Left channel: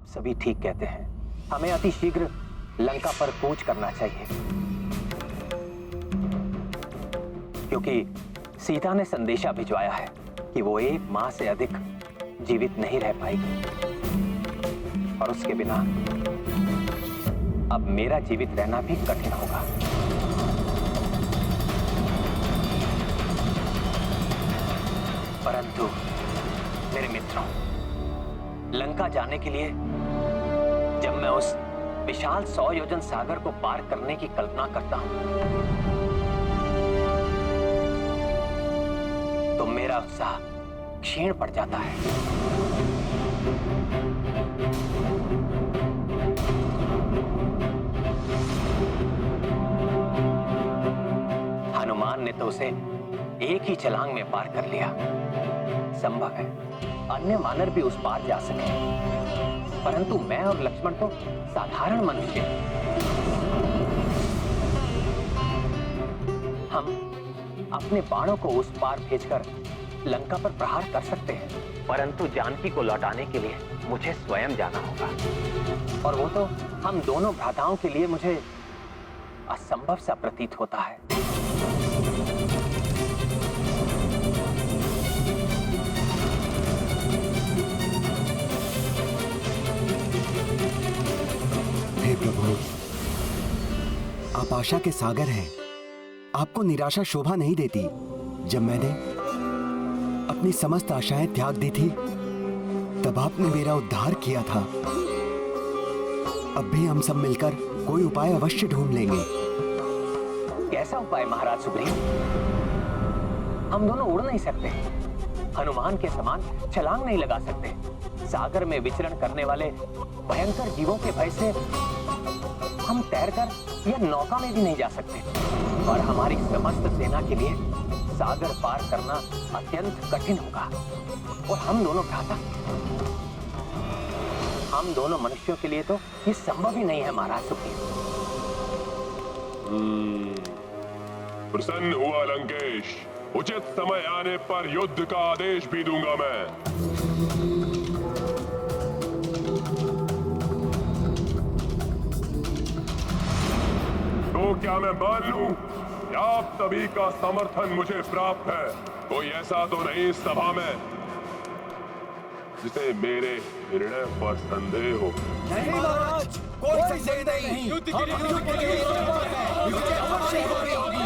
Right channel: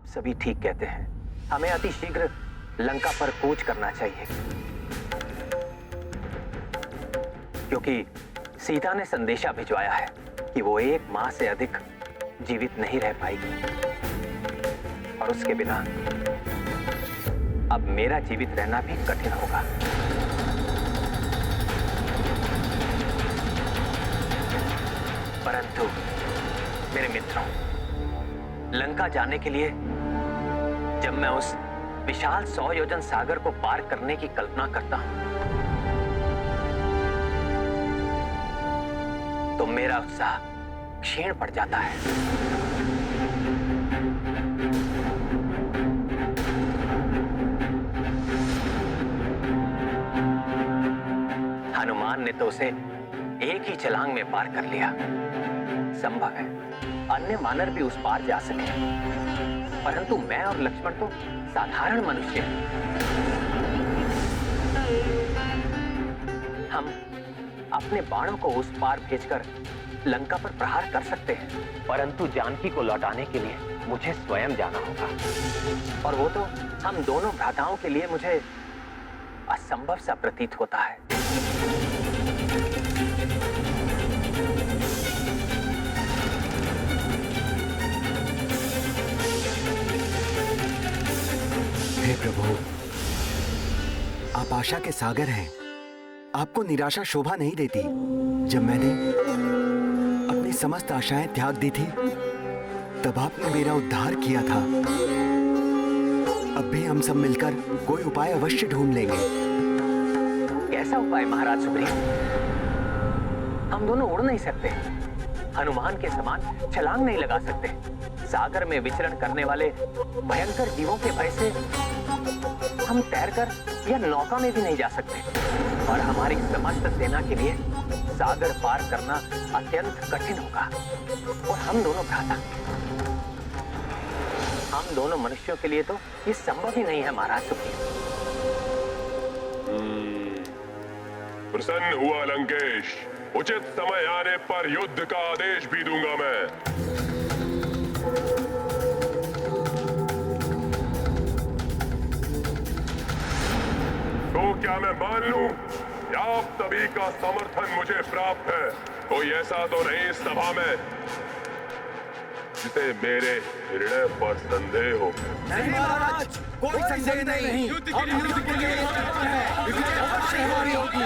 आप सभी ठीक कहते हैं। हमें अति शीघ्र लंका पर कूच करना चाहिए, क्योंकि सीता ने संदेशा भिजवाया है कि वो 1 माह से अधिक जीवित नहीं रह पाएगी, और उसके बिना अब मेरा जीवित रहना भी कठिन होगा। परंतु मेरे मित्रों, लंका जाने के लिए जब मैं उस विशाल 100 योजन सागर को पार करने की कल्पना करता हूं, तो मेरा उत्साह क्षीण पड़ जाता है। हनुमान ने तो उसे एक ही छलांग में पार कर लिया। संभव है अन्य वानर भी उस पार जा सके, परंतु मैं और लक्ष्मण तो साधारण मनुष्य हैं। हम अपने बाणों को उस पार भेजकर लंका पर प्रहार कर सकते हैं, परंतु जानकी को लौटाने के लिए मुझे स्वयं जाना होगा, और वो तो हम दोनों भ्राताओं के लिए मुझे असंभव सा प्रतीत होता है। हे प्रभु, आप आशा के सागर हैं। आपको निराशा शोभा नहीं देती। जब मैंने अपनी समस्त आशाएं त्याग दी थी, तब आपने मेरा उद्धार किया था। अब भी हम सब मिलकर कोई उपाय अवश्य ढूंढ लेंगे। कैसा उपाय महाराज सुग्रीव? हम दोनों उड़ नहीं सकते, हनुमान के समान छलांग नहीं लगा सकते, सागर में विचरण करने वाले भयंकर जीवों के भय से हम तैरकर या नौका में भी नहीं जा सकते, और हमारी समस्त सेना के लिए सागर पार करना अत्यंत कठिन होगा। और हम दोनों भ्राता, हम दोनों मनुष्यों के लिए तो ये संभव ही नहीं है महाराज सुग्रीव। प्रसन्न हुआ लंकेश। उचित समय आने पर युद्ध का आदेश भी दूंगा मैं। तो क्या मैं मान लूं कि आप सभी का समर्थन मुझे प्राप्त है? कोई ऐसा तो नहीं इस सभा में जिसे मेरे निर्णय पर संदेह हो? नहीं महाराज, कोई संदेह नहीं। युद्ध के लिए तत्पर हैं। विजय अवश्य हमारी होगी।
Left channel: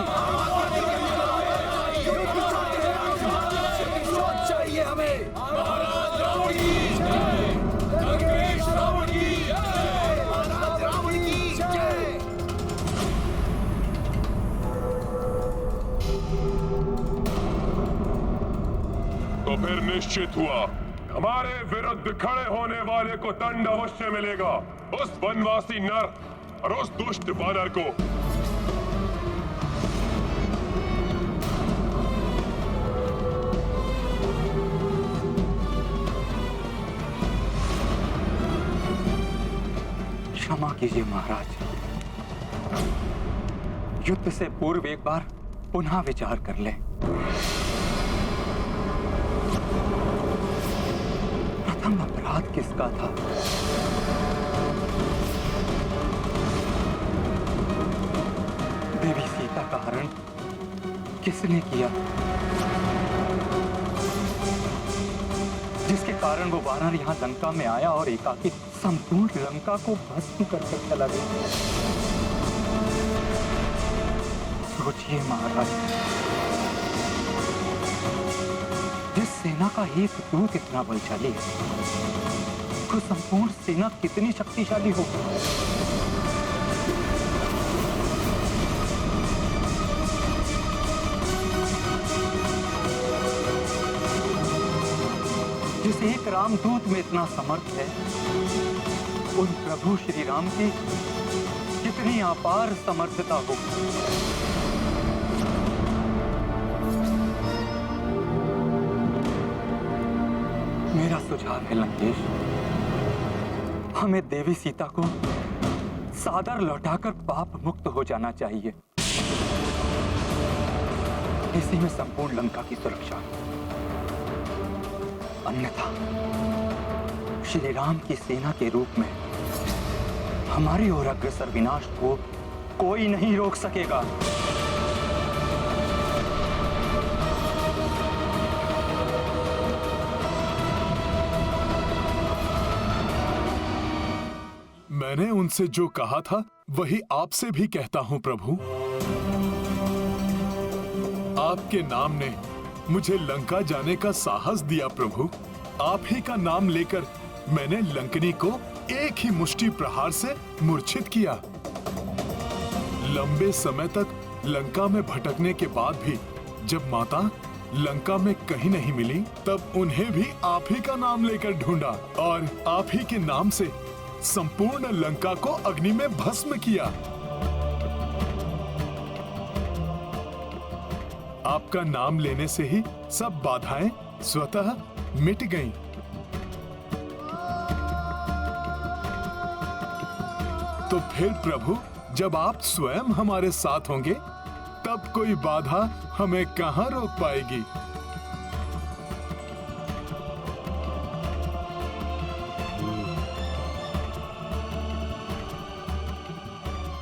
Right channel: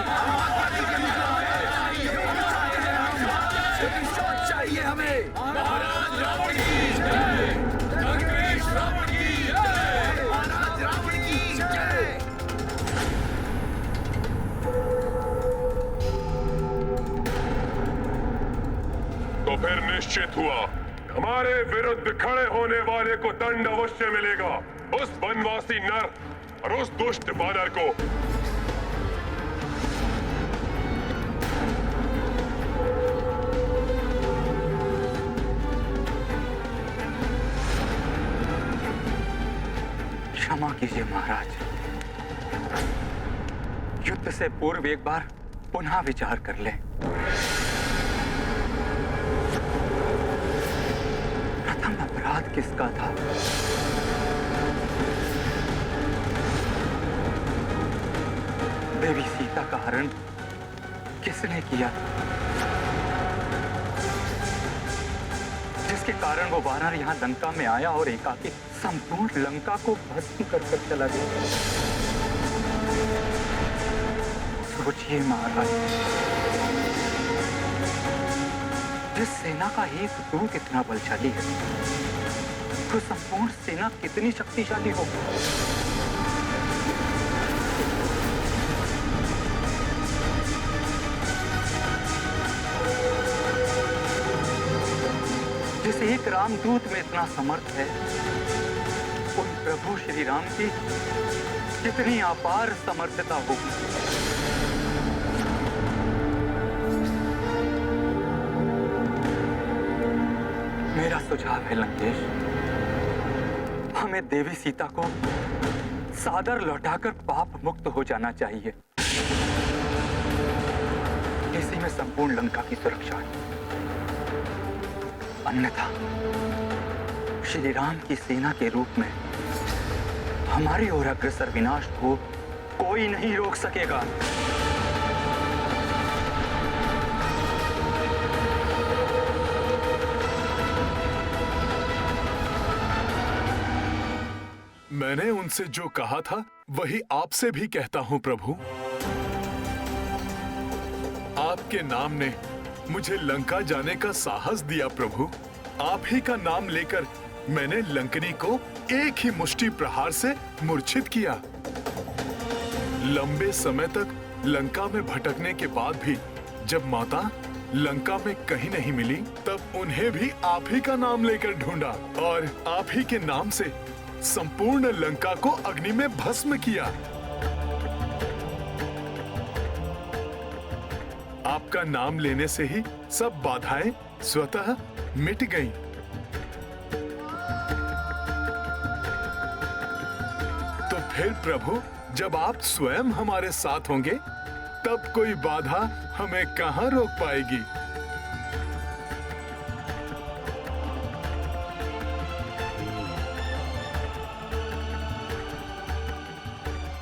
प्रतिशोध चाहिए हमें। महाराज रावण की जय। लंकेश रावण की जय। महाराज रावण की जय। तो फिर निश्चित हुआ, हमारे विरुद्ध खड़े होने वाले को दंड अवश्य मिलेगा। उस वनवासी नर और उस दुष्ट बानर को। क्षमा कीजिए महाराज, युद्ध से पूर्व एक बार पुनः विचार कर लें। प्रथम अपराध किसका था? देवी सीता का हरण किसने किया, जिसके कारण वो वानर यहां लंका में आया और एकाकी संपूर्ण लंका को भस्म कर चला गया? सोचिए महाराज, जिस सेना का एक दूत इतना बलशाली है, तो संपूर्ण सेना कितनी शक्तिशाली होगी। जिस एक रामदूत में इतना समर्थ है, उन प्रभु श्री राम की कितनी अपार समर्थता होगी। मेरा सुझाव है लंकेश, हमें देवी सीता को सादर लौटाकर पाप मुक्त हो जाना चाहिए। इसी में संपूर्ण लंका की सुरक्षा है। अन्यथा श्री राम की सेना के रूप में हमारी ओर अग्रसर विनाश को कोई नहीं रोक सकेगा। मैंने उनसे जो कहा था वही आपसे भी कहता हूं प्रभु। आपके नाम ने मुझे लंका जाने का साहस दिया प्रभु। आप ही का नाम लेकर मैंने लंकनी को एक ही मुष्टि प्रहार से मूर्छित किया। लंबे समय तक लंका में भटकने के बाद भी जब माता लंका में कहीं नहीं मिली, तब उन्हें भी आप ही का नाम लेकर ढूंढा और आप ही के नाम से संपूर्ण लंका को अग्नि में भस्म किया। आपका नाम लेने से ही सब बाधाएं स्वतः मिट गईं। तो फिर प्रभु, जब आप स्वयं हमारे साथ होंगे तब कोई बाधा हमें कहां रोक पाएगी।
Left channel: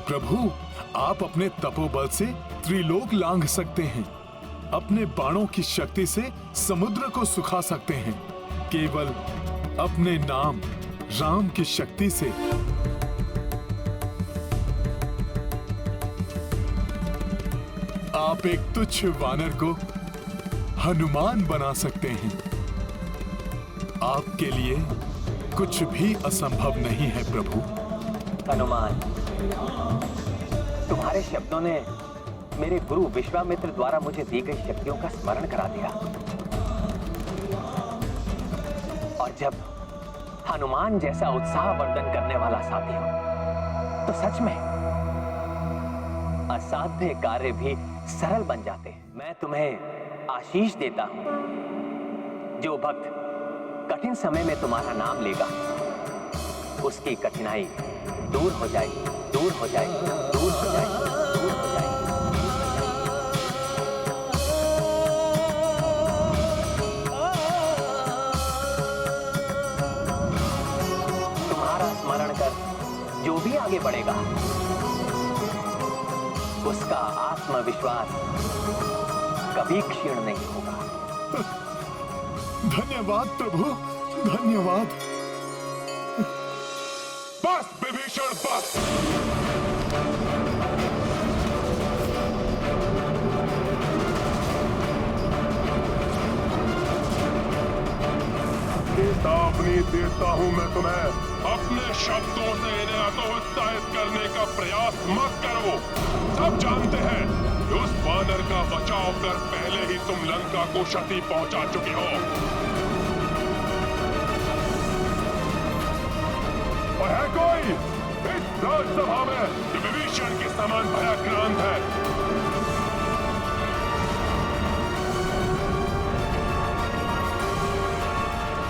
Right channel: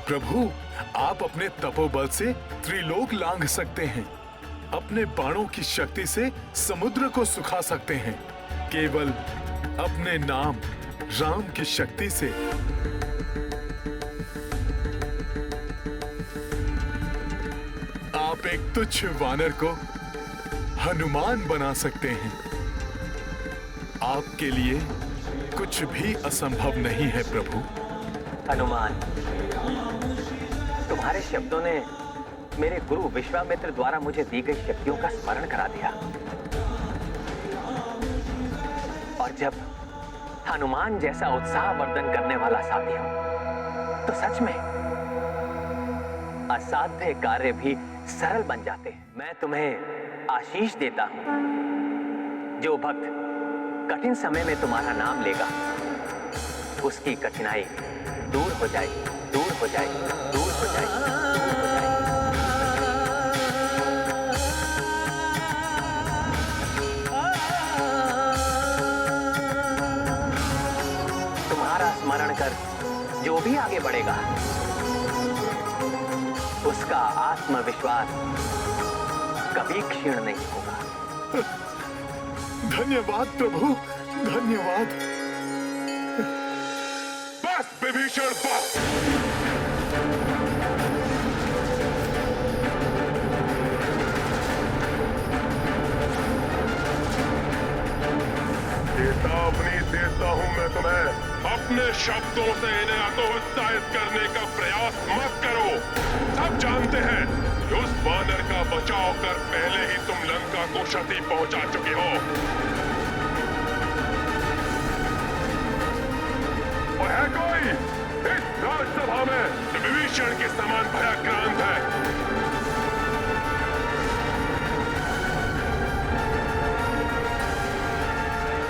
प्रभु, आप अपने तपोबल से त्रिलोक लांघ सकते हैं। अपने बाणों की शक्ति से समुद्र को सुखा सकते हैं। केवल अपने नाम राम की शक्ति से। आप एक तुच्छ वानर को हनुमान बना सकते हैं। आपके लिए कुछ भी असंभव नहीं है प्रभु। हनुमान, तुम्हारे शब्दों ने मेरे गुरु विश्वामित्र द्वारा मुझे दी गई शक्तियों का स्मरण करा दिया। और जब हनुमान जैसा उत्साहवर्धन करने वाला साथी हो तो सच में असाध्य कार्य भी सरल बन जाते हैं। मैं तुम्हें आशीष देता हूं। जो भक्त कठिन समय में तुम्हारा नाम लेगा उसकी कठिनाई दूर हो जाएगी, दूर हो जाएगी, दूर हो जाएगी, दूर हो जाएगी। तुम्हारा स्मरण कर जो भी आगे बढ़ेगा उसका आत्मविश्वास कभी क्षीण नहीं होगा। धन्यवाद प्रभु, धन्यवाद। बस विभीषण, बस। चेतावनी देता हूं मैं तुम्हें। अपने शब्दों से इन्हें हतोत्साहित करने का प्रयास मत करो। सब जानते हैं कि उस वानर का बचाव कर पहले ही तुम लंका को क्षति पहुंचा चुके हो। और है कोई इस राजसभा में जो विभीषण के समान भयाक्रांत है?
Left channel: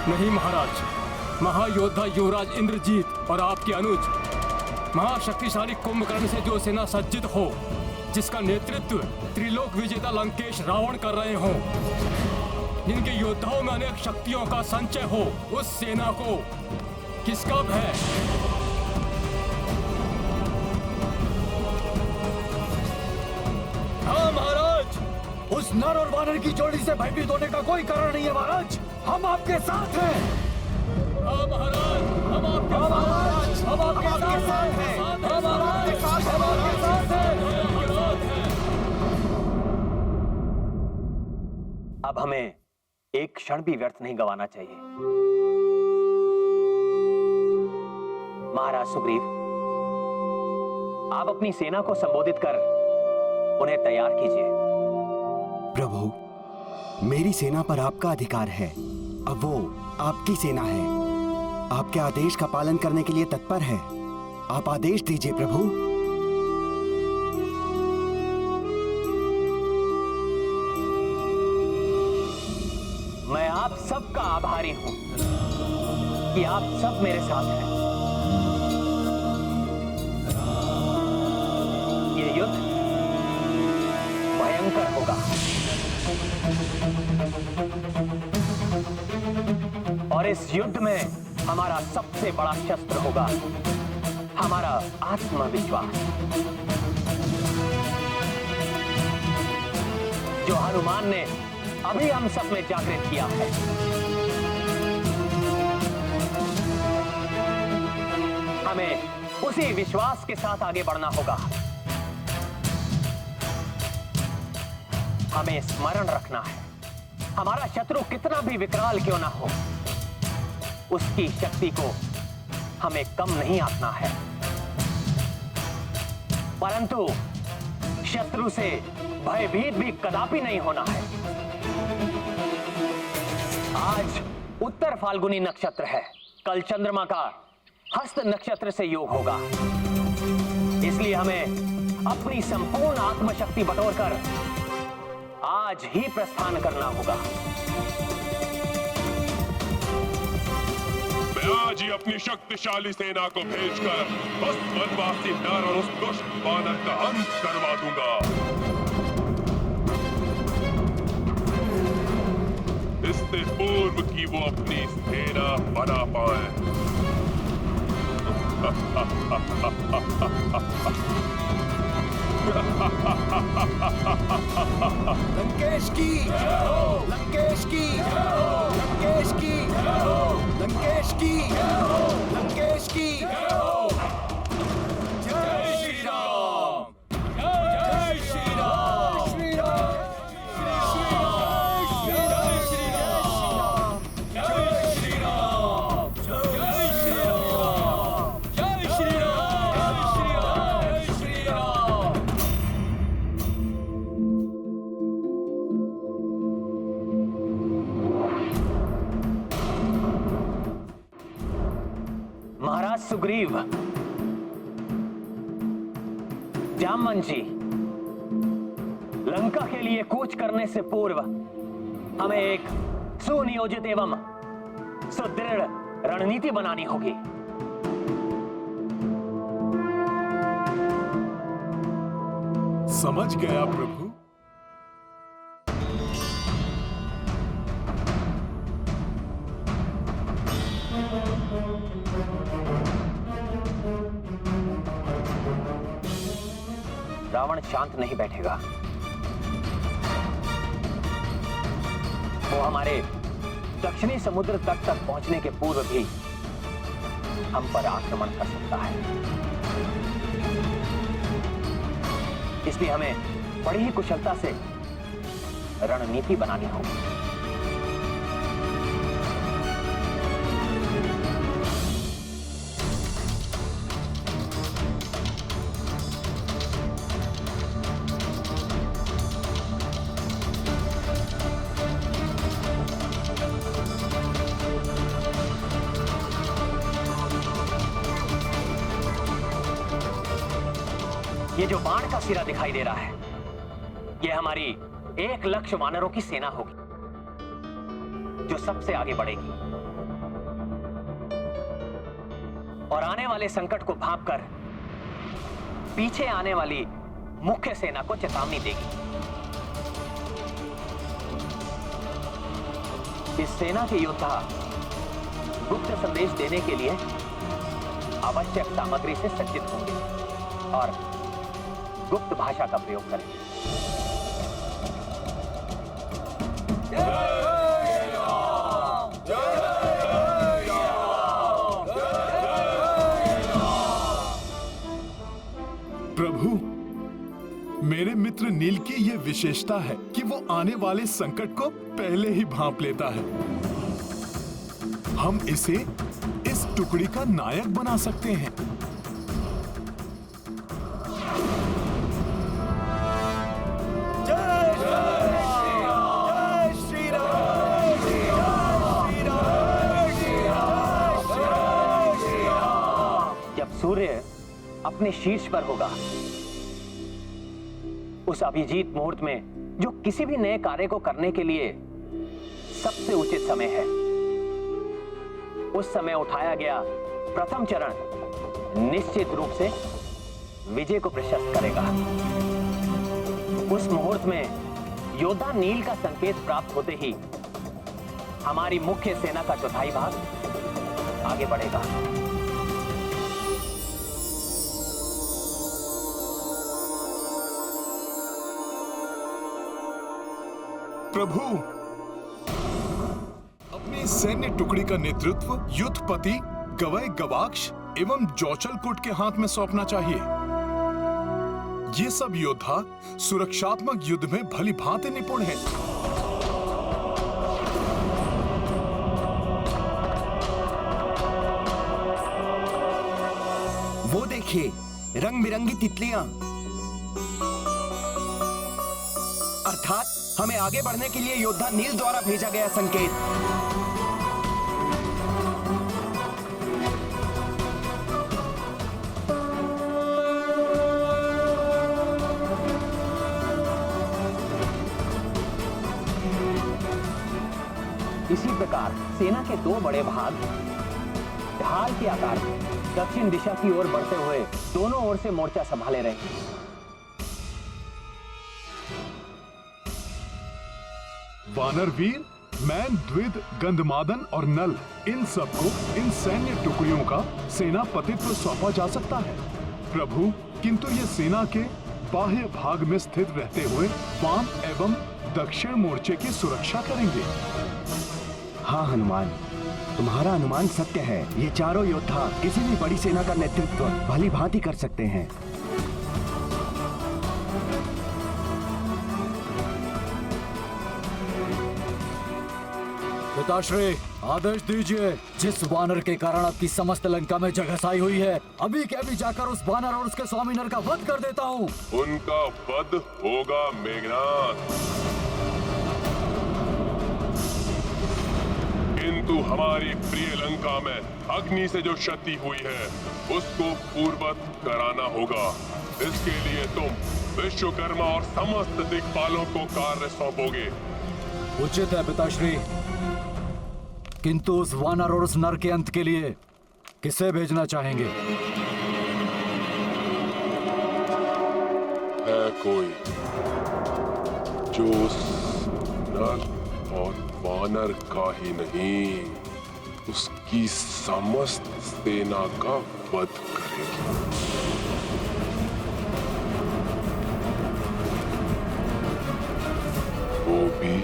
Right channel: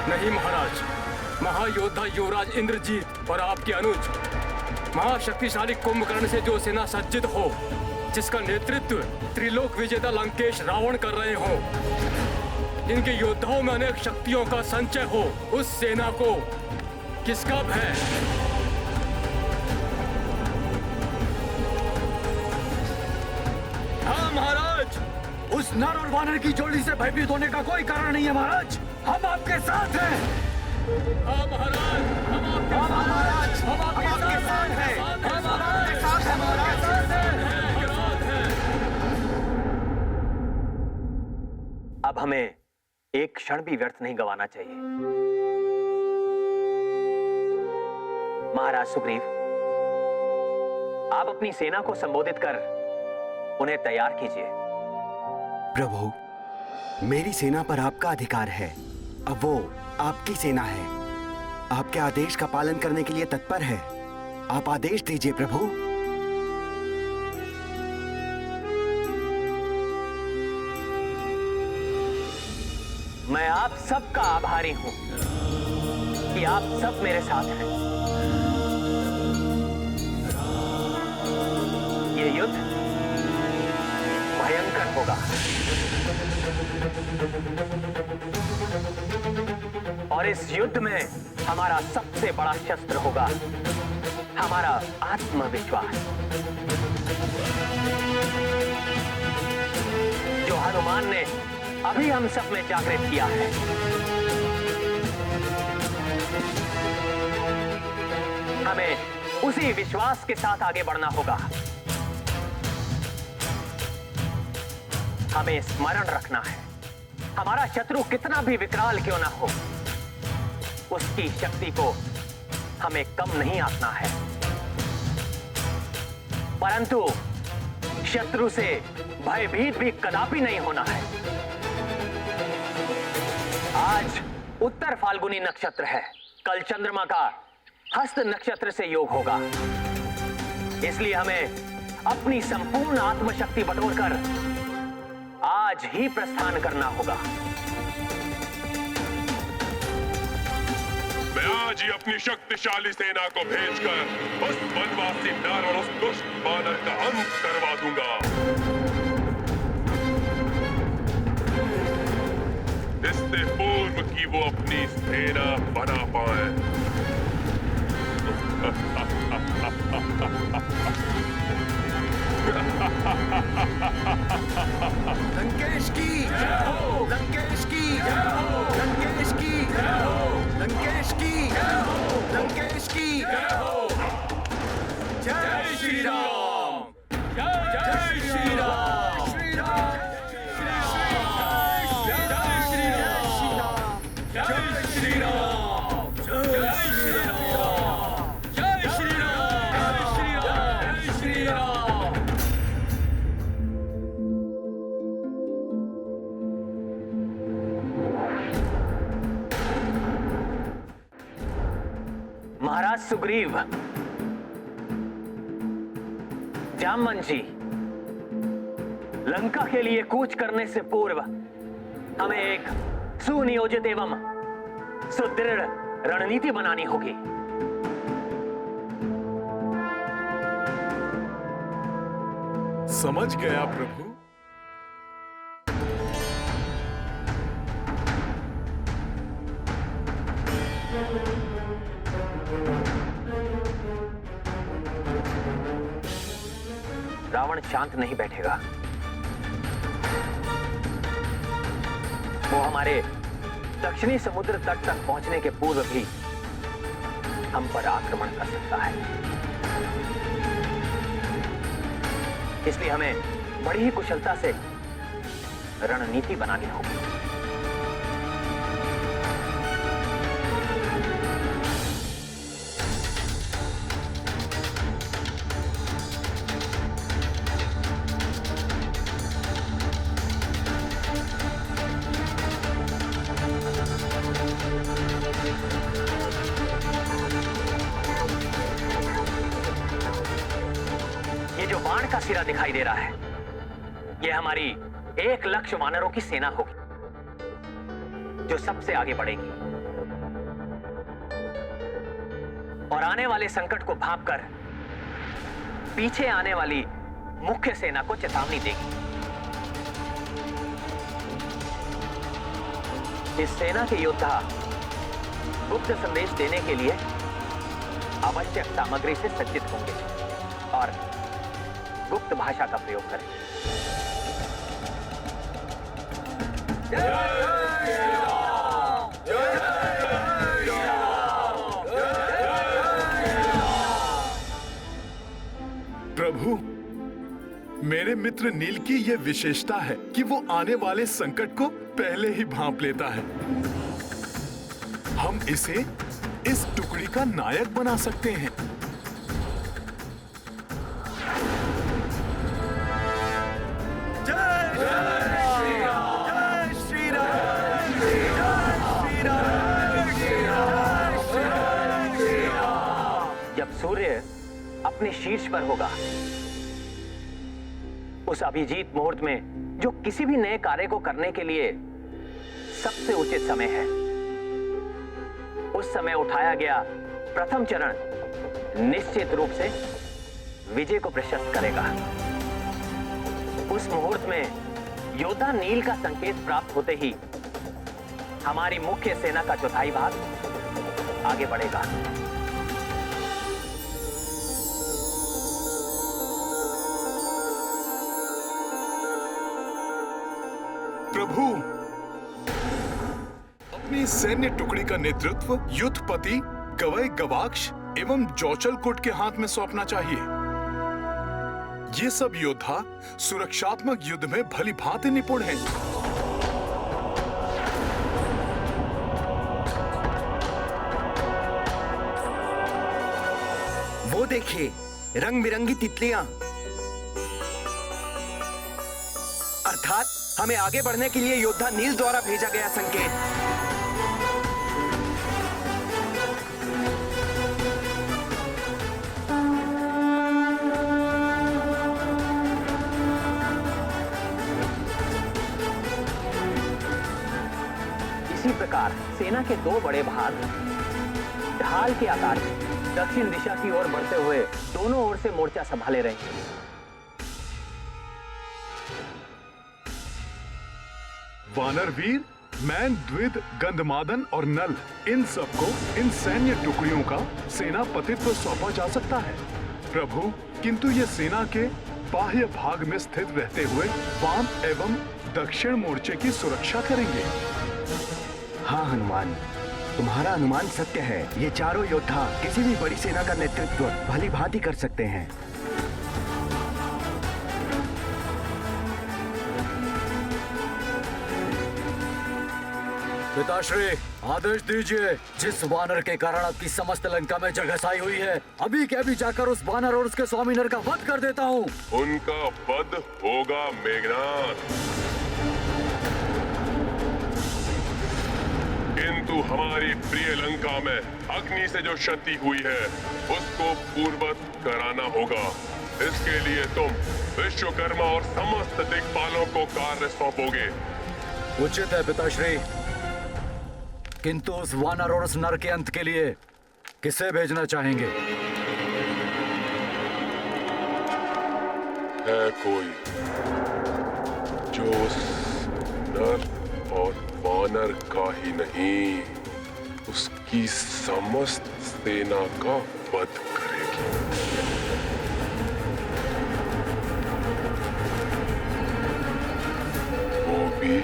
नहीं महाराज। महायोद्धा युवराज इंद्रजीत और आपके अनुज महाशक्तिशाली कुंभकर्ण से जो सेना सज्जित हो, जिसका नेतृत्व त्रिलोक विजेता लंकेश रावण कर रहे हो, जिनके योद्धाओं में अनेक शक्तियों का संचय हो, उस सेना को किसका भय? हाँ महाराज, उस नर और वानर की जोड़ी से भयभीत होने का कोई कारण नहीं है महाराज। हम आपके साथ हैं। हाँ महाराज, हम आपके महाराज, हम आपके साथ हैं। हम आपके साथ हैं महाराज। अब हमें एक क्षण भी व्यर्थ नहीं गंवाना चाहिए। महाराज सुग्रीव, आप अपनी सेना को संबोधित कर उन्हें तैयार कीजिए। प्रभु, मेरी सेना पर आपका अधिकार है। अब वो आपकी सेना है। आपके आदेश का पालन करने के लिए तत्पर है। आप आदेश दीजिए प्रभु। मैं आप सबका आभारी हूं कि आप सब मेरे साथ हैं। ये युद्ध भयंकर होगा और इस युद्ध में हमारा सबसे बड़ा शस्त्र होगा हमारा आत्मविश्वास, जो हनुमान ने अभी हम सब में जागृत किया है। हमें उसी विश्वास के साथ आगे बढ़ना होगा। हमें स्मरण रखना है, हमारा शत्रु कितना भी विकराल क्यों ना हो, उसकी शक्ति को हमें कम नहीं आंकना है, परंतु शत्रु से भयभीत भी कदापि नहीं होना है। आज उत्तर फाल्गुनी नक्षत्र है, कल चंद्रमा का हस्त नक्षत्र से योग होगा, इसलिए हमें अपनी संपूर्ण आत्मशक्ति बटोरकर आज ही प्रस्थान करना होगा। मैं आज ही अपनी शक्तिशाली सेना को भेजकर उस वनवासी नर और उस दुष्ट वानर का अंत करवा दूंगा। इससे पूर्व कि वो अपनी सेना बना पाए। लंकेश की जय हो, लंकेश की जय हो, लंकेश की जय हो, लंकेश की जय हो, लंकेश की जय हो। जय श्री राम, जय श्री राम, श्री राम, श्री राम, जय श्री राम, जय श्री राम, जय श्री राम, जय श्री राम, जय श्री राम। महाराज सुग्रीव, जामवन जी, लंका के लिए कूच करने से पूर्व हमें एक सुनियोजित एवं सुदृढ़ रणनीति बनानी होगी। समझ गया प्रभु। रावण शांत नहीं बैठेगा। वो हमारे दक्षिणी समुद्र तट तक पहुंचने के पूर्व भी हम पर आक्रमण कर सकता है, इसलिए हमें बड़ी ही कुशलता से रणनीति बनानी होगी। ये जो बाण का सिरा दिखाई दे रहा है, ये हमारी 1 लाख वानरों की सेना होगी, जो सबसे आगे बढ़ेगी और आने वाले संकट को भांपकर पीछे आने वाली मुख्य सेना को चेतावनी देगी। इस सेना के योद्धा गुप्त संदेश देने के लिए आवश्यक सामग्री से सज्जित होंगे और गुप्त भाषा का प्रयोग करें। प्रभु, मेरे मित्र नील की यह विशेषता है कि वो आने वाले संकट को पहले ही भांप लेता है। हम इसे इस टुकड़ी का नायक बना सकते हैं। सूर्य अपने शीर्ष पर होगा, उस अभिजीत मुहूर्त में जो किसी भी नए कार्य को करने के लिए सबसे उचित समय है, उस समय उठाया गया प्रथम चरण निश्चित रूप से विजय को प्रशस्त करेगा। उस मुहूर्त में योद्धा नील का संकेत प्राप्त होते ही हमारी मुख्य सेना का चौथाई भाग आगे बढ़ेगा। प्रभु, अपनी सैन्य टुकड़ी का नेतृत्व युद्धपति गवई गवाक्ष एवं जौचलकुट के हाथ में सौंपना चाहिए। ये सब योद्धा सुरक्षात्मक युद्ध में भली भांति निपुण हैं। वो देखिए, रंग बिरंगी तितलियां। अर्थात हमें आगे बढ़ने के लिए योद्धा नील द्वारा भेजा गया संकेत। इसी प्रकार सेना के दो बड़े भाग ढाल के आकार में दक्षिण दिशा की ओर बढ़ते हुए दोनों ओर से मोर्चा संभाले रहे हैं। वानर वीर, मैन, द्विद, गंधमादन और नल, इन सबको इन सैन्य टुकड़ियों का सेनापतित्व सौंपा जा सकता है प्रभु, किंतु ये सेना के बाह्य भाग में स्थित रहते हुए वाम एवं दक्षिण मोर्चे की सुरक्षा करेंगे। हाँ हनुमान, तुम्हारा अनुमान सत्य है। ये चारों योद्धा किसी भी बड़ी सेना का नेतृत्व भली भांति कर सकते हैं। पिताश्री, आदेश दीजिए। जिस वानर के कारण आपकी समस्त लंका में जगहसाई हुई है, अभी के अभी जाकर उस वानर और उसके स्वामी नर का वध कर देता हूँ। उनका वध होगा मेघनाथ, किंतु हमारी प्रिय लंका में अग्नि से जो क्षति हुई है उसको पूर्ववत कराना होगा। इसके लिए तुम विश्वकर्मा और समस्त दिक्पालों को कार्य सौंपोगे। उचित है पिताश्री, किंतु उस वानर और उस नर के अंत के लिए किसे भेजना चाहेंगे? है कोई जो उस नर और वानर का ही नहीं, उसकी समस्त सेना का वध करेगी। वो भी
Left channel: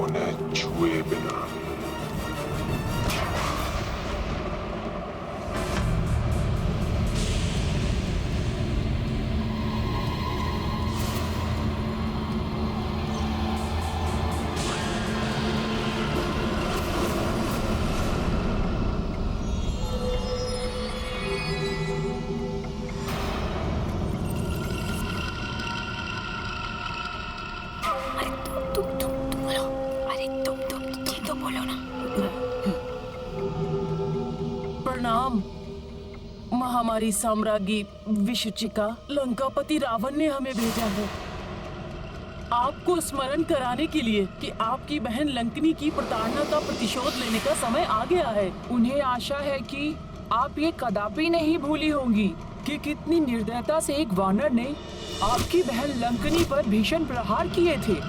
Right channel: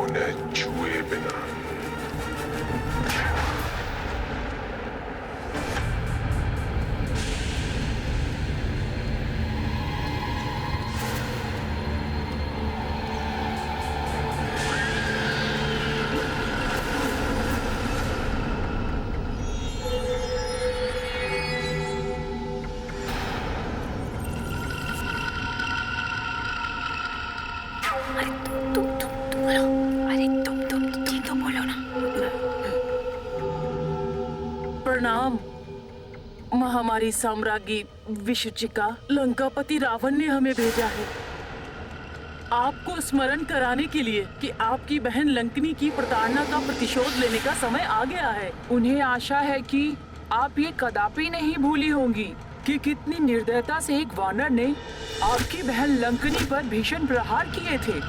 उन्हें छुए बिना। प्रणाम महामारी साम्राज्ञी विशुचिका। लंकापति रावण ने हमें भेजा है आपको स्मरण कराने के लिए कि आपकी बहन लंकनी की प्रताड़ना का प्रतिशोध लेने का समय आ गया है। उन्हें आशा है कि आप ये कदापि नहीं भूली होंगी कि कितनी निर्दयता से एक वानर ने आपकी बहन लंकनी पर भीषण प्रहार किए थे।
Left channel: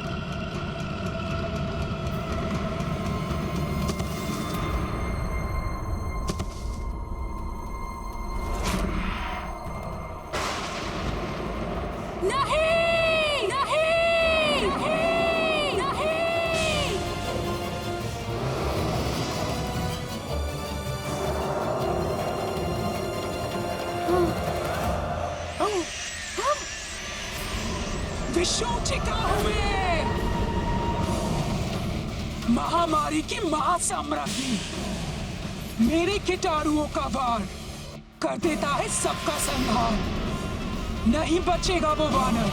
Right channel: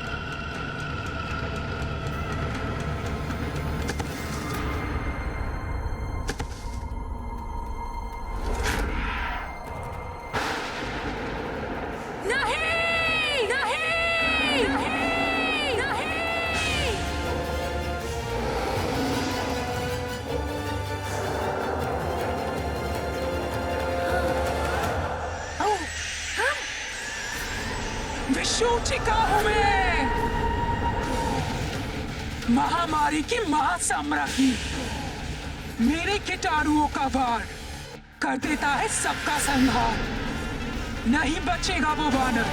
विशुचिका हूं मैं, महामारी की महासाम्राज्ञी। मेरे कीटाणुओं का वार कर देता है सबका संहार। नहीं बचेगा वो वानर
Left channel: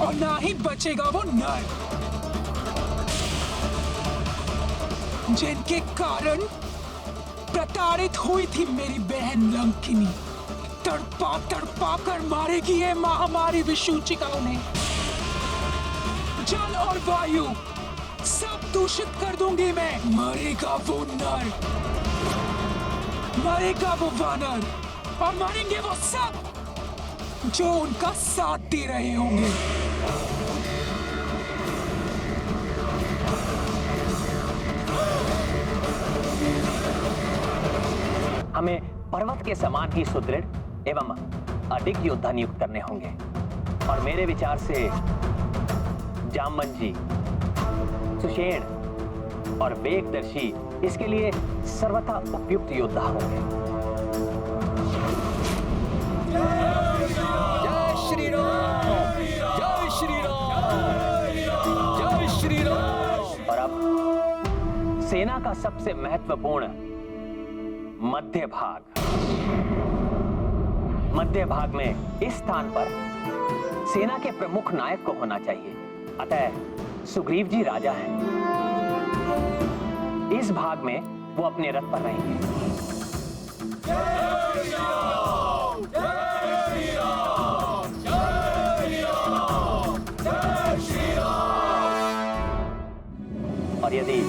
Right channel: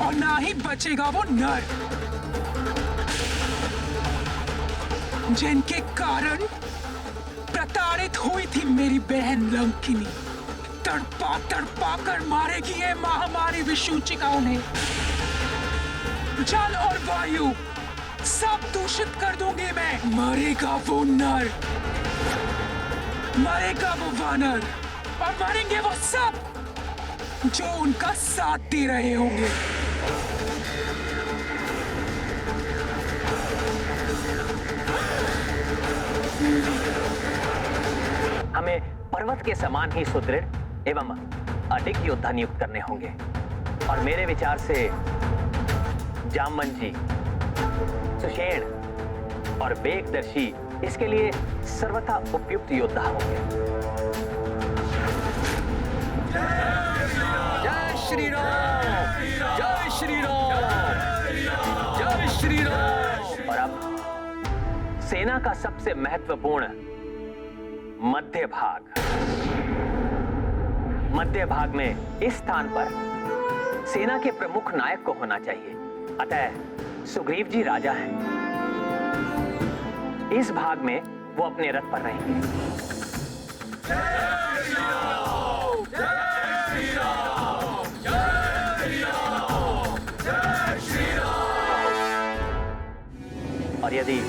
और ना ही बचेगा वो नर जिनके कारण प्रताड़ित हुई थी मेरी बहन लंकिनी। तड़पा तड़पा कर मारेगी ये महामारी विशुचिका उन्हें। जल और वायु सब दूषित कर दूंगी मैं। मरेगा वो नर, मरेगा वो वानर और मरेंगे वो सब जो उनका साथ दे रहे होंगे। हमें पर्वत के समान ही सुदृढ़ एवं अधिक योद्धा नियुक्त करने होंगे। और मेरे विचार से जामवंत जी, सुषेण और वेगदर्शी इसके लिए सर्वथा उपयुक्त योद्धा होंगे। जय श्री राम, जय श्री राम, जय श्री राम। और अब सेना का सबसे महत्वपूर्ण मध्य भाग में इस स्थान पर सेना के प्रमुख नायक को होना चाहिए। अतः सुग्रीव जी राजा हैं। इस भाग में वो अपने रथ पर रहेंगे। और यदि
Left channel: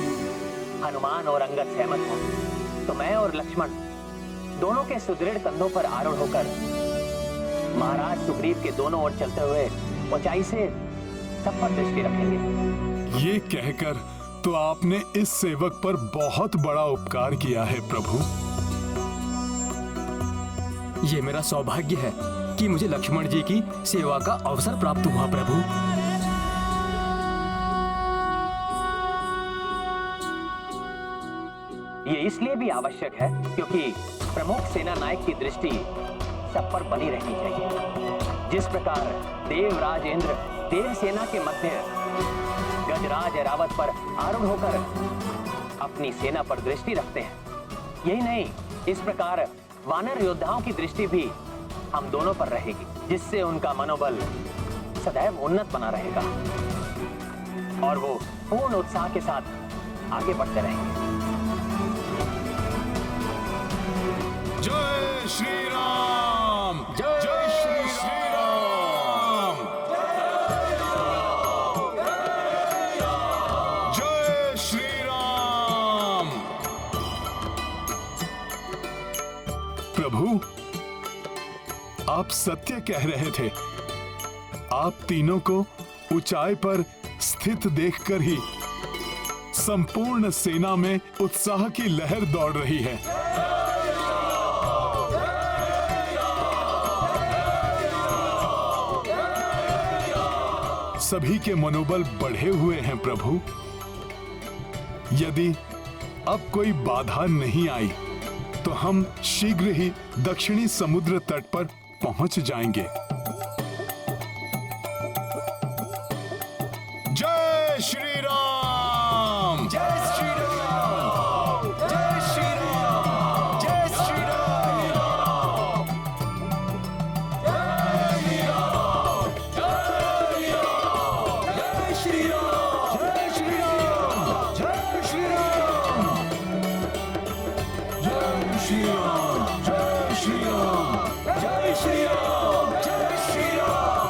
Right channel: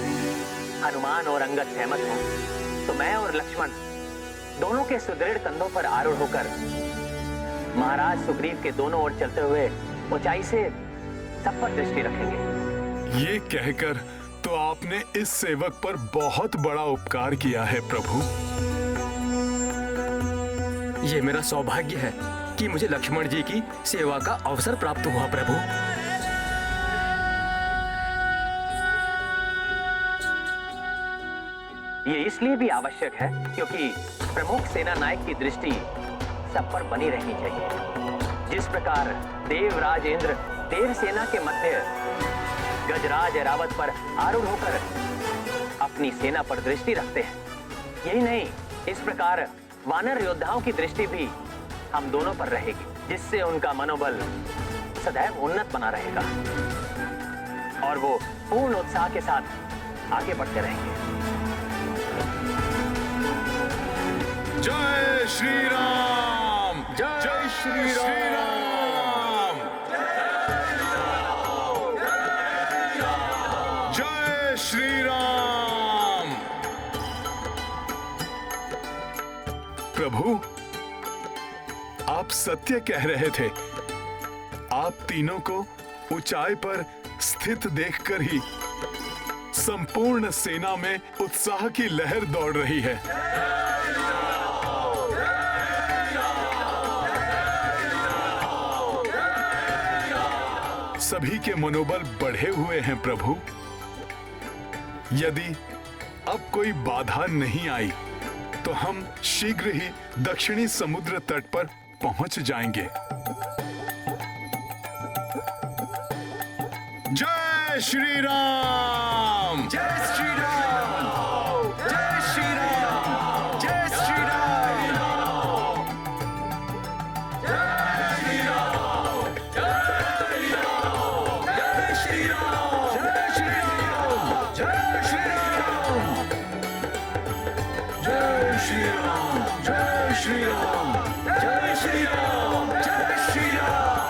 हनुमान और अंगद सहमत हो तो मैं और लक्ष्मण दोनों के सुदृढ़ कंधों पर आरूढ़ होकर महाराज सुग्रीव के दोनों ओर चलते हुए ऊंचाई से सब पर दृष्टि रखेंगे। ये कहकर तो आपने इस सेवक पर बहुत बड़ा उपकार किया है प्रभु। ये मेरा सौभाग्य है कि मुझे लक्ष्मण जी की सेवा का अवसर प्राप्त हुआ प्रभु। ये इसलिए भी आवश्यक है क्योंकि प्रमुख सेना नायक की दृष्टि सब पर बनी रहनी चाहिए। जिस प्रकार देवराज इंद्र देव सेना के मध्य गजराज ऐरावत पर आरूढ़ होकर अपनी सेना पर दृष्टि रखते हैं, यही नहीं, इस प्रकार वानर योद्धाओं की दृष्टि भी हम दोनों पर रहेगी, जिससे उनका मनोबल सदैव उन्नत बना रहेगा और वो पूर्ण उत्साह के साथ आगे बढ़ते रहेंगे। जय श्री राम, जय श्री राम, जय श्री राम। प्रभु, आप सत्य कह रहे थे। आप तीनों को ऊंचाई पर स्थित देखकर ही संपूर्ण सेना में उत्साह की लहर दौड़ रही है। सभी के मनोबल बढ़े हुए हैं प्रभु। यदि अब कोई बाधा नहीं आई तो हम शीघ्र ही दक्षिणी समुद्र तट पर पहुंच जाएंगे। जय श्री राम, जय श्री राम, जय श्री राम, जय श्री राम, जय श्री राम, जय श्री राम, जय श्री राम, जय श्री राम, जय श्री राम, जय श्री राम, जय श्री राम,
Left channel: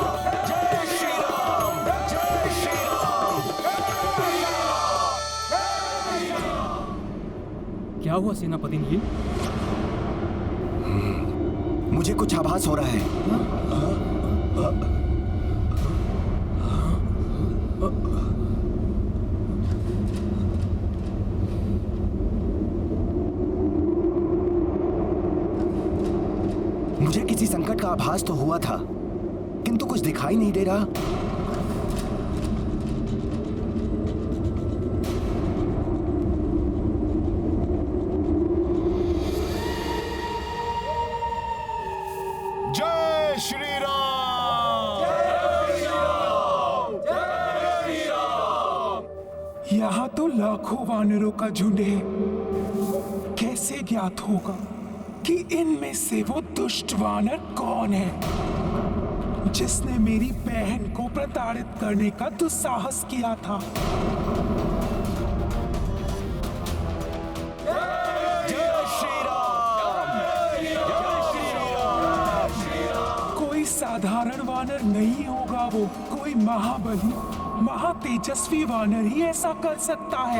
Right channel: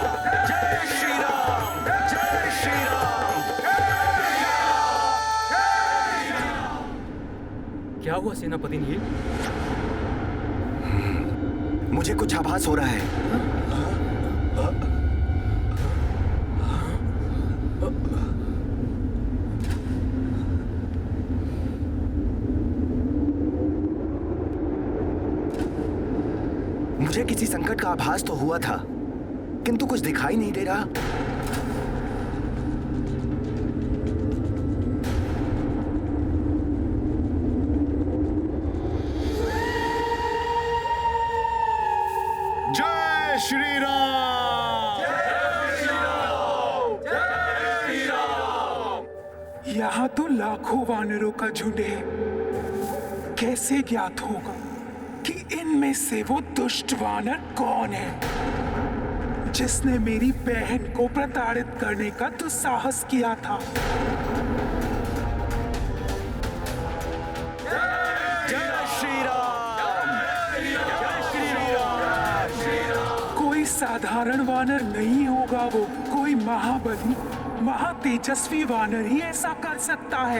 जय श्री राम, जय श्री राम। क्या हुआ सेनापति नील? मुझे कुछ आभास हो रहा है। मुझे किसी संकट का आभास तो हुआ था, किंतु कुछ दिखाई नहीं दे रहा। जय श्री राम, यहाँ तो लाखों वानरों का झुंड है। कैसे ज्ञात होगा कि इनमें से वो दुष्ट वानर कौन है जिसने मेरी बहन को प्रताड़ित करने का दुस्साहस किया था? जय श्री राम, जय श्री राम। कोई साधारण वानर नहीं होगा वो, कोई महाबली महातेजस्वी वानर ही ऐसा कर सकता है।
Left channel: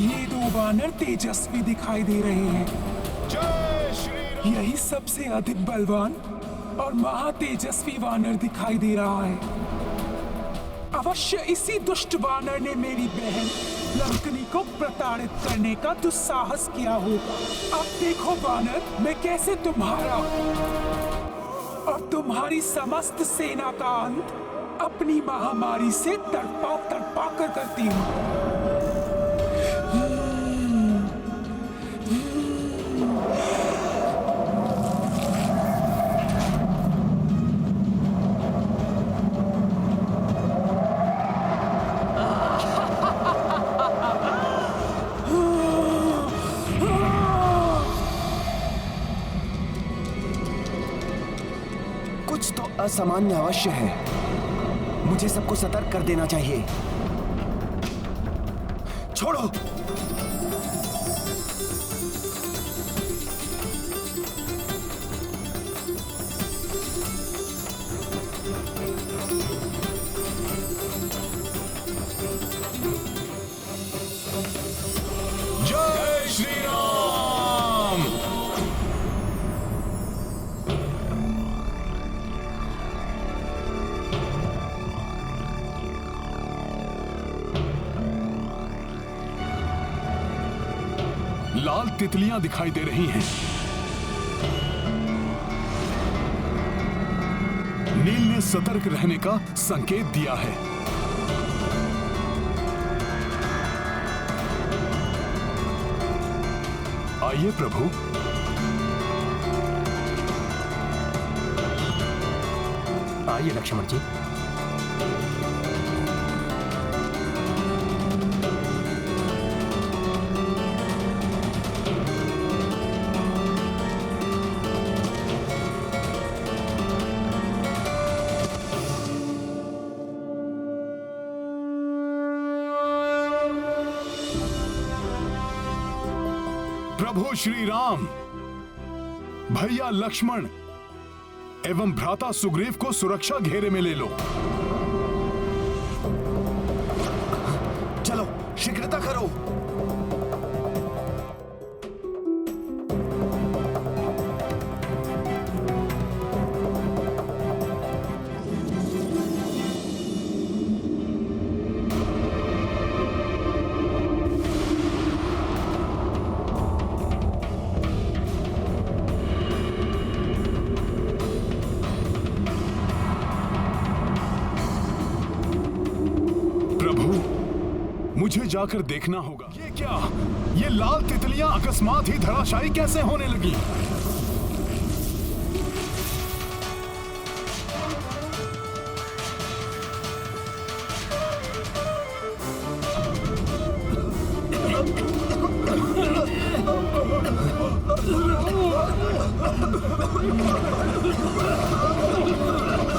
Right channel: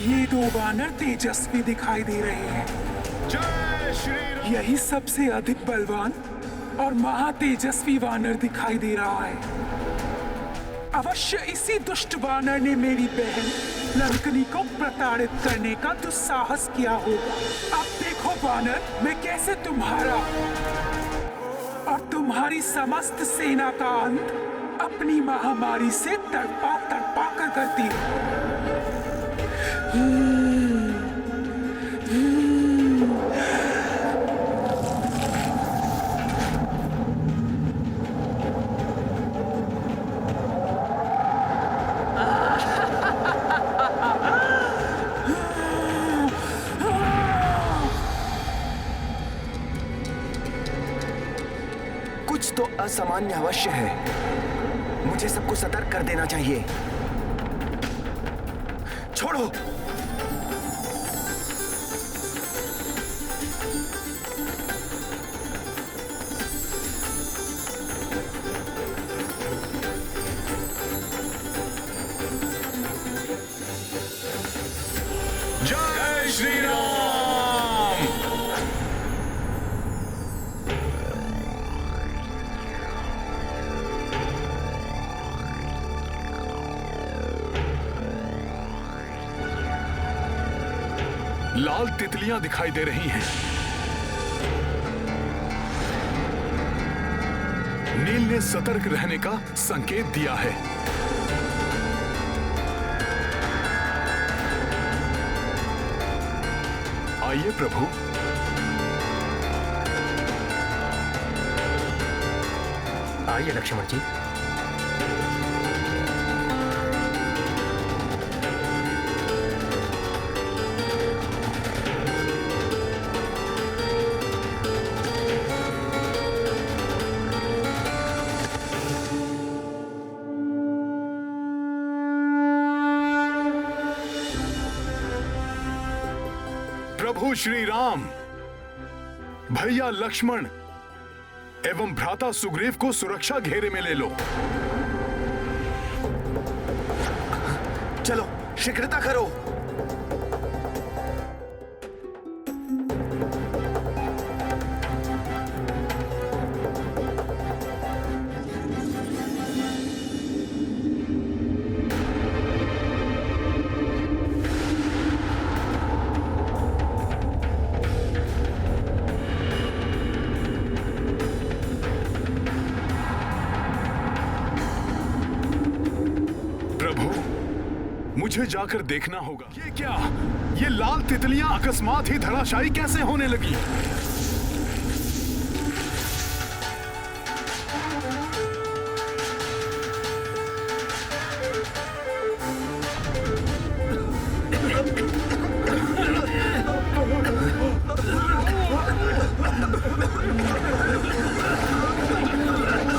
ये दो वानर तेजस्वी दिखाई दे रहे हैं। जय श्री राम। यही सबसे अधिक बलवान और महातेजस्वी वानर दिखाई दे रहा है। अवश्य इसी दुष्ट वानर ने मेरी बहन लंकनी को प्रताड़ित करने का दुस्साहस किया होगा। अब देखो वानर, मैं कैसे तुम्हारा और तुम्हारी समस्त सेना का अंत अपनी महामारी से तड़पा तड़पा कर करती हूँ। कुछ तो असामान्य अवश्य है। मुझे सबको सतर्क कर देना चाहिए। छोड़ो। जय श्री राम। लाल तितलियां दिखाई दे रही हैं। नील ने सतर्क रहने का संकेत दिया है। आइए प्रभु। आइए लक्ष्मण जी। प्रभु श्री राम, भैया लक्ष्मण एवं भ्राता सुग्रीव को सुरक्षा घेरे में ले लो। चलो शीघ्रता करो। मुझे जाकर देखना होगा। ये क्या? ये लाल तितलियां अकस्मात ही धराशायी कैसे होने लगी?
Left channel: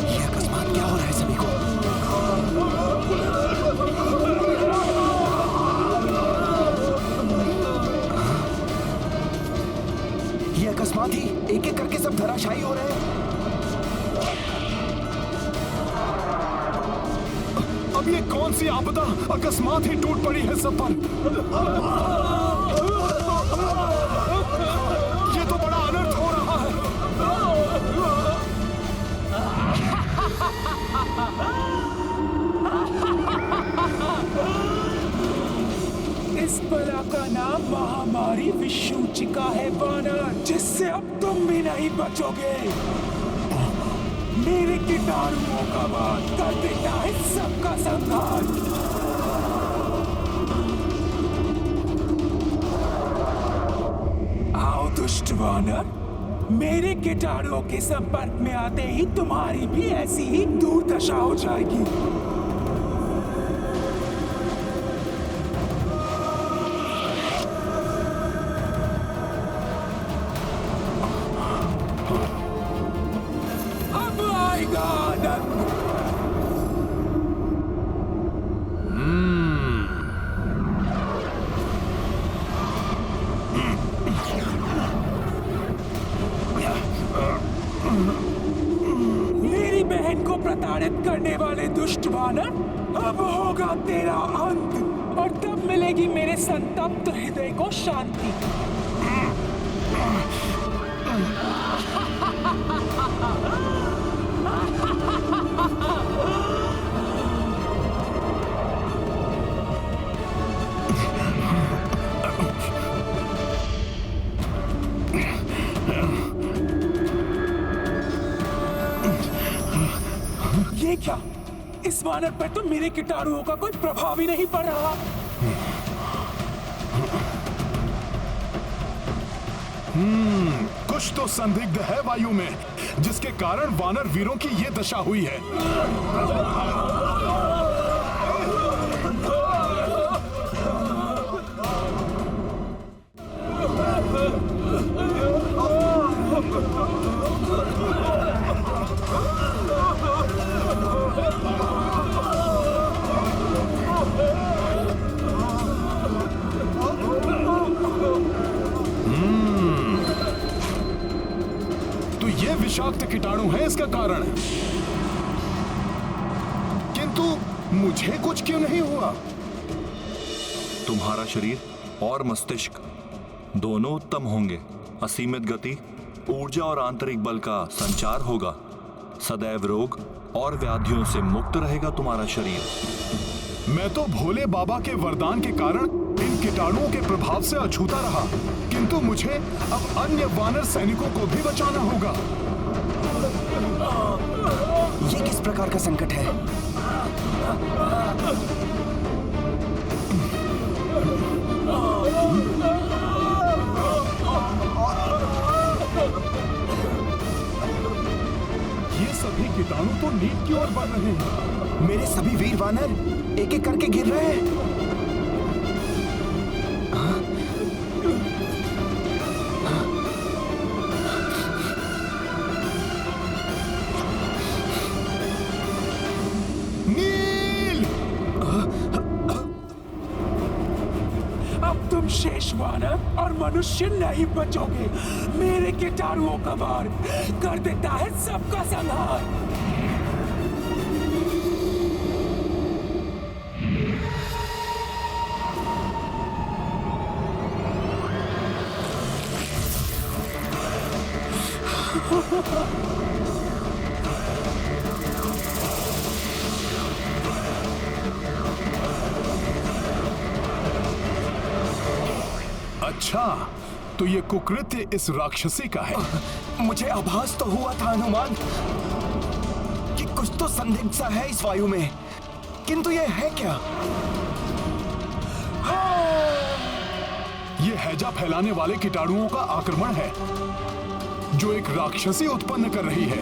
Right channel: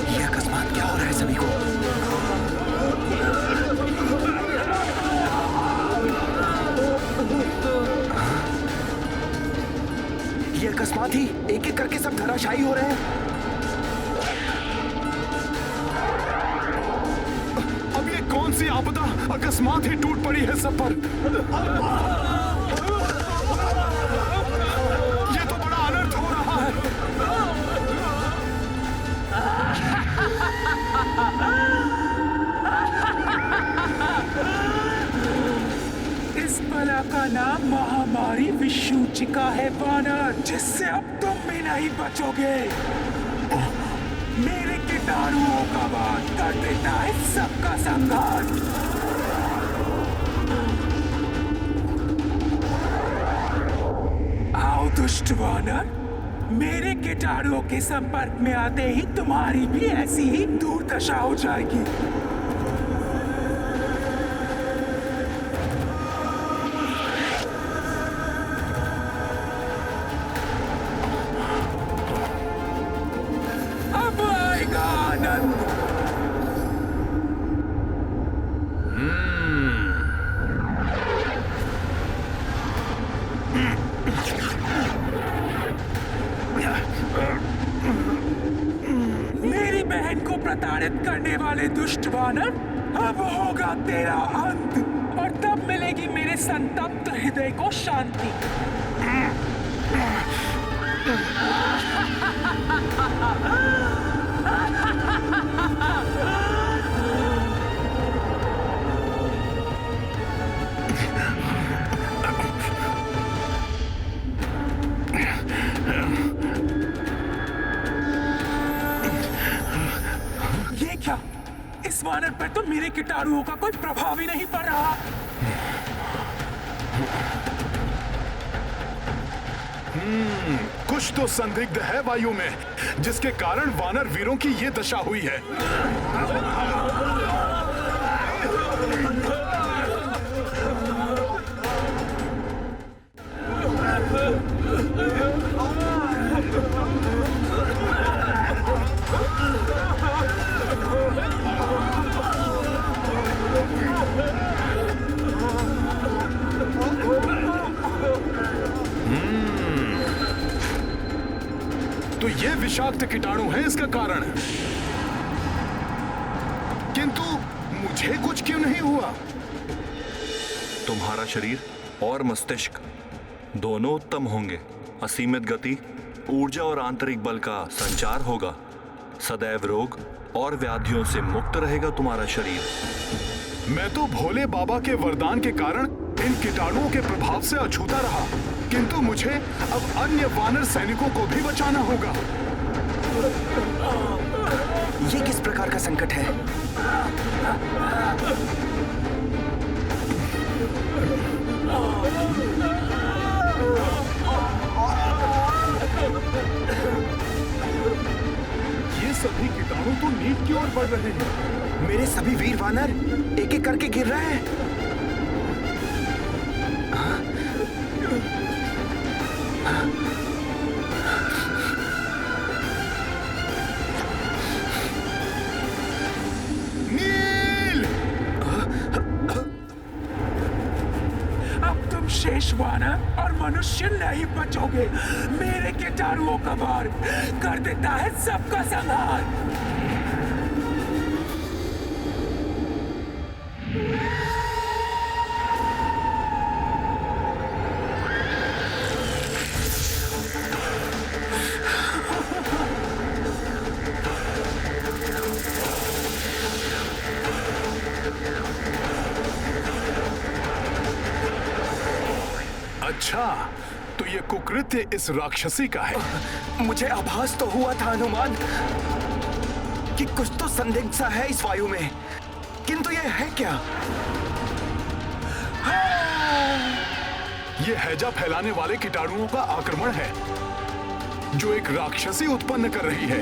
ये अकस्मात क्या हो रहा है सभी को? ये अकस्मात ही एक एक करके सब धराशायी हो रहे हैं। अब ये कौन सी आपदा अकस्मात ही टूट पड़ी है सब पर? ये तो बड़ा अनर्थ हो रहा है। इस बला का नाम महामारी विषूचिका है वानर, जिससे अब तुम भी नहीं बचोगे। मेरे कीटाणुओं का वार कर देता है सबका संहार। आओ दुष्ट वानर, मेरे कीटाणुओं के संपर्क में आते ही तुम्हारी भी ऐसी ही दुर्दशा हो जाएगी। मेरी बहन को प्रताड़ित करने वाले दुष्ट वानर, अब होगा तेरा अंत, और तब मिलेगी मेरे संतप्त हृदय को शांति। ये क्या? इस वानर पर तो मेरे कीटाणुओं का कोई प्रभाव ही नहीं पड़ रहा। कुछ तो संदिग्ध है वायु में, जिसके कारण वानर वीरों की ये दशा हुई है। तो ये विषाक्त कीटाणु है इसका कारण, किंतु मुझे कुछ क्यों नहीं हुआ? तुम्हारा शरीर और मस्तिष्क दोनों उत्तम होंगे। असीमित गति, ऊर्जा और आंतरिक बल का संचार होगा। सदैव रोग और व्याधियों से मुक्त रहेगा तुम्हारा शरीर। मैं तो भोले बाबा के वरदान के कारण इन कीटाणुओं के प्रभाव से अछूता रहा, किंतु मुझे अब अन्य वानर सैनिकों को भी बचाना होगा। ये किस प्रकार का संकट है? ये सभी कीटाणु तो नीच की ओर बढ़ रहे हैं। मेरे सभी वीर वानर एक एक करके गिर रहे हैं। नील! अब तुम शेष वानर और मनुष्य नहीं बचोगे। मेरे कीटाणुओं का वार कर देता है सबका संहार। अच्छा, तो ये कुकृत्य इस राक्षसी का है। मुझे आभास तो हुआ था हनुमान कि कुछ तो संदिग्ध सा है इस वायु में, किंतु ये है क्या? ये हैजा फैलाने वाले कीटाणुओं का आक्रमण है, जो एक राक्षसी उत्पन्न कर रही है।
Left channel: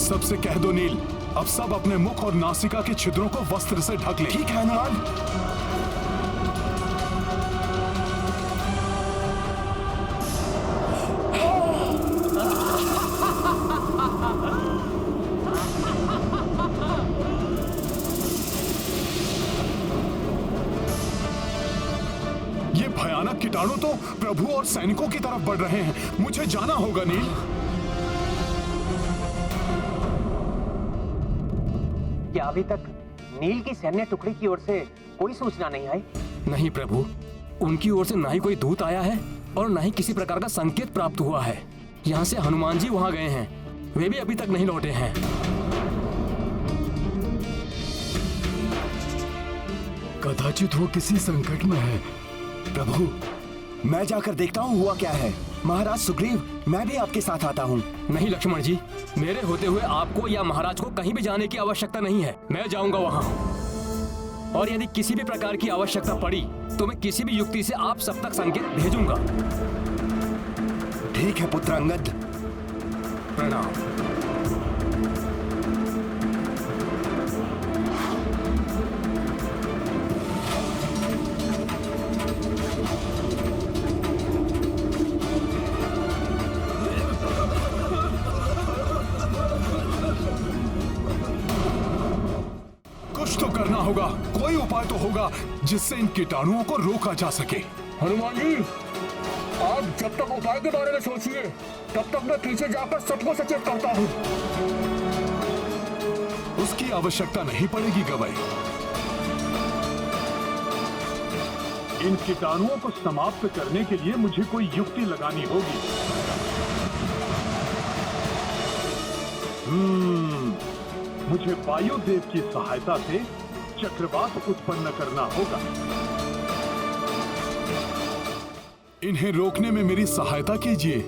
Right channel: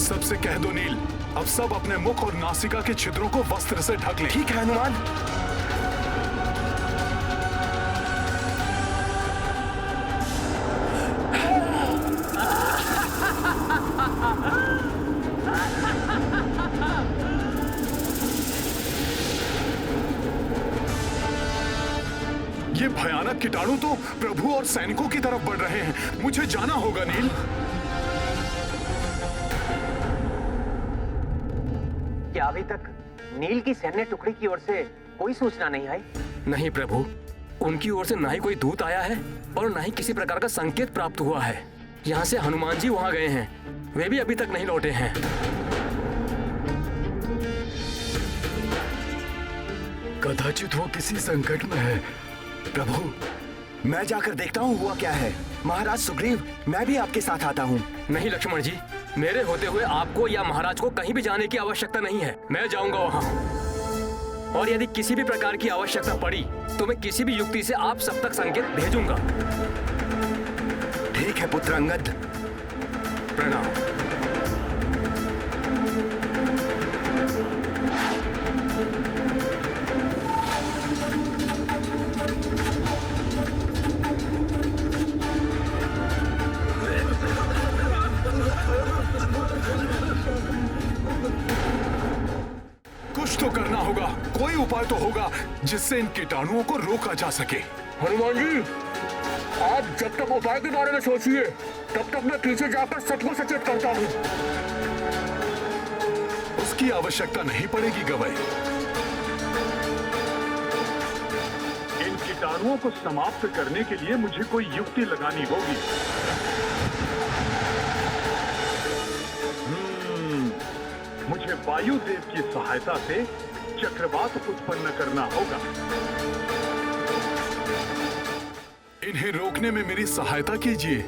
सबसे कह दो नील, अब सब अपने मुख और नासिका के छिद्रों को वस्त्र से ढक लें। ठीक है हनुमान। ये भयानक कीटाणु तो प्रभु और सैनिकों की तरफ बढ़ रहे हैं। मुझे जाना होगा नील। क्या अभी तक नील की सैन्य टुकड़ी की ओर से कोई सूचना नहीं आई? नहीं प्रभु, उनकी ओर से ना ही कोई दूत आया है और ना ही किसी प्रकार का संकेत प्राप्त हुआ है। यहाँ से हनुमान जी वहाँ गए हैं, वे भी अभी तक नहीं लौटे हैं। कदाचित वो किसी संकट में है। प्रभु, मैं जाकर देखता हूँ हुआ क्या है। महाराज सुग्रीव, मैं भी आपके साथ आता हूँ। नहीं लक्ष्मण जी, मेरे होते हुए आपको या महाराज को कहीं भी जाने की आवश्यकता नहीं है। मैं जाऊंगा वहाँ, और यदि किसी भी प्रकार की आवश्यकता पड़ी तो मैं किसी भी युक्ति से आप सब तक संकेत भेजूंगा। ठीक है पुत्र अंगद। प्रणाम। कुछ तो करना होगा, कोई उपाय तो होगा जिससे इन कीटाणुओं को रोका जा सके। हनुमान जी, आप जब तक उपाय के बारे में सोचिए, तब तक मैं पीछे जाकर सबको सचेत करता हूँ। उसकी आवश्यकता नहीं पड़ेगी गवई। इन कीटाणुओं को समाप्त करने के लिए मुझे कोई युक्ति लगानी होगी। मुझे वायुदेव की सहायता से चक्रवात उत्पन्न करना होगा। इन्हें रोकने में मेरी सहायता कीजिए।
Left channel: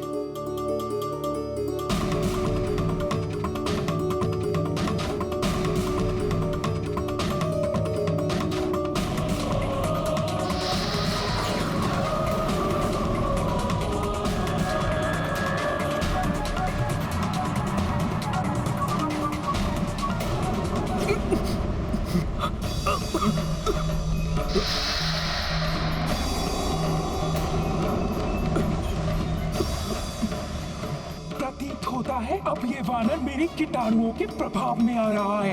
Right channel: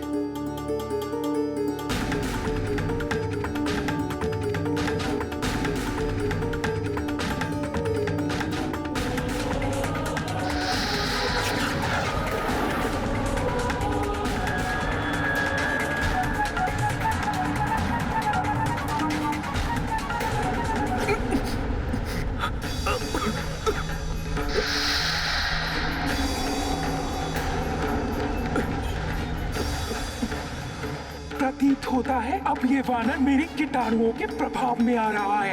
प्रतीत होता है अब ये वानर मेरी कीटाणुओं के प्रभाव में आ रहा है।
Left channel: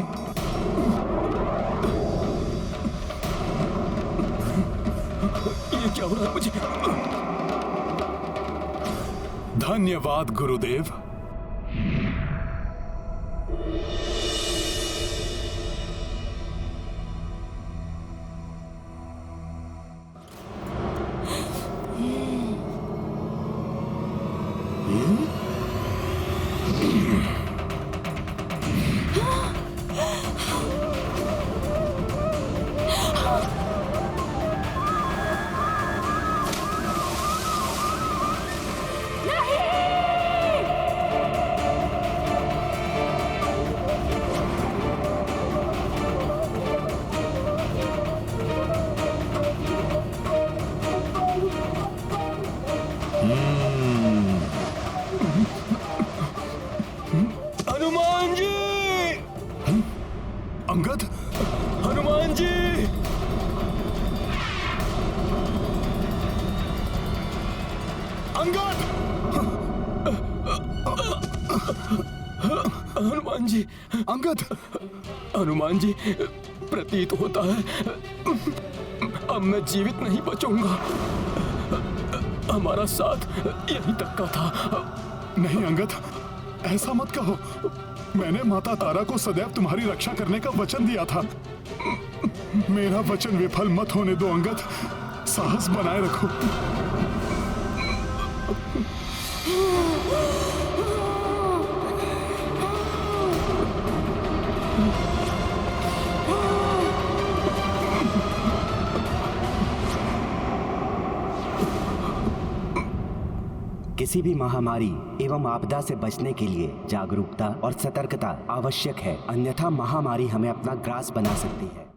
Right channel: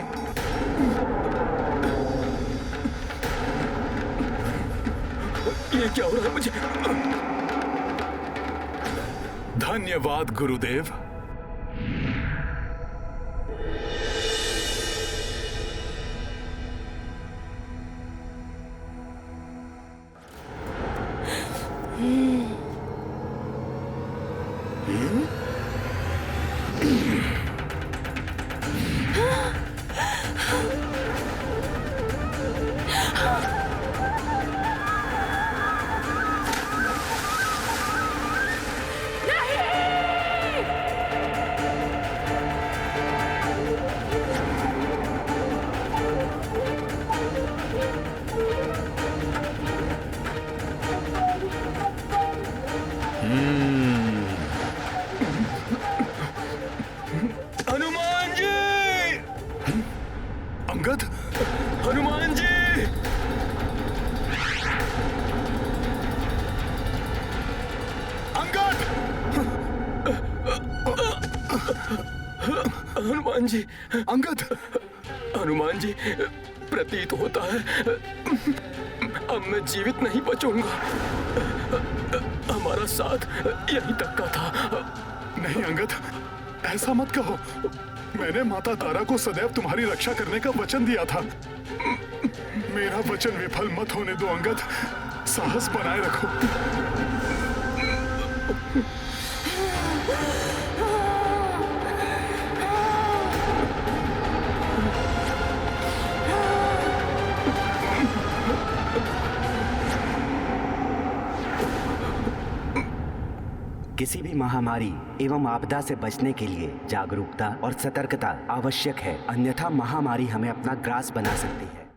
ये क्या हो रहा है मुझे? धन्यवाद गुरुदेव। हनुमान जी! अंगद, हनुमान जी! अंगद! हनुमान जी! अंगद! हनुमान जी, प्रतीत होता है अब मैं जीवित नहीं बचूंगा। हमारा साथ यहीं तक का था। नहीं अंगद, ऐसा मत कहो। मैंने माता तारा को सदैव तुम्हारी रक्षा करने का वचन दिया था। मेरा वचन विफल मत होने दो अंगद। साहस बनाए रखो। किसी भी महामारी एवं आपदा से बचने के लिए जागरूकता और सतर्कता आवश्यक है, अन्यथा महामारी हमें अपना ग्रास बना सकती है।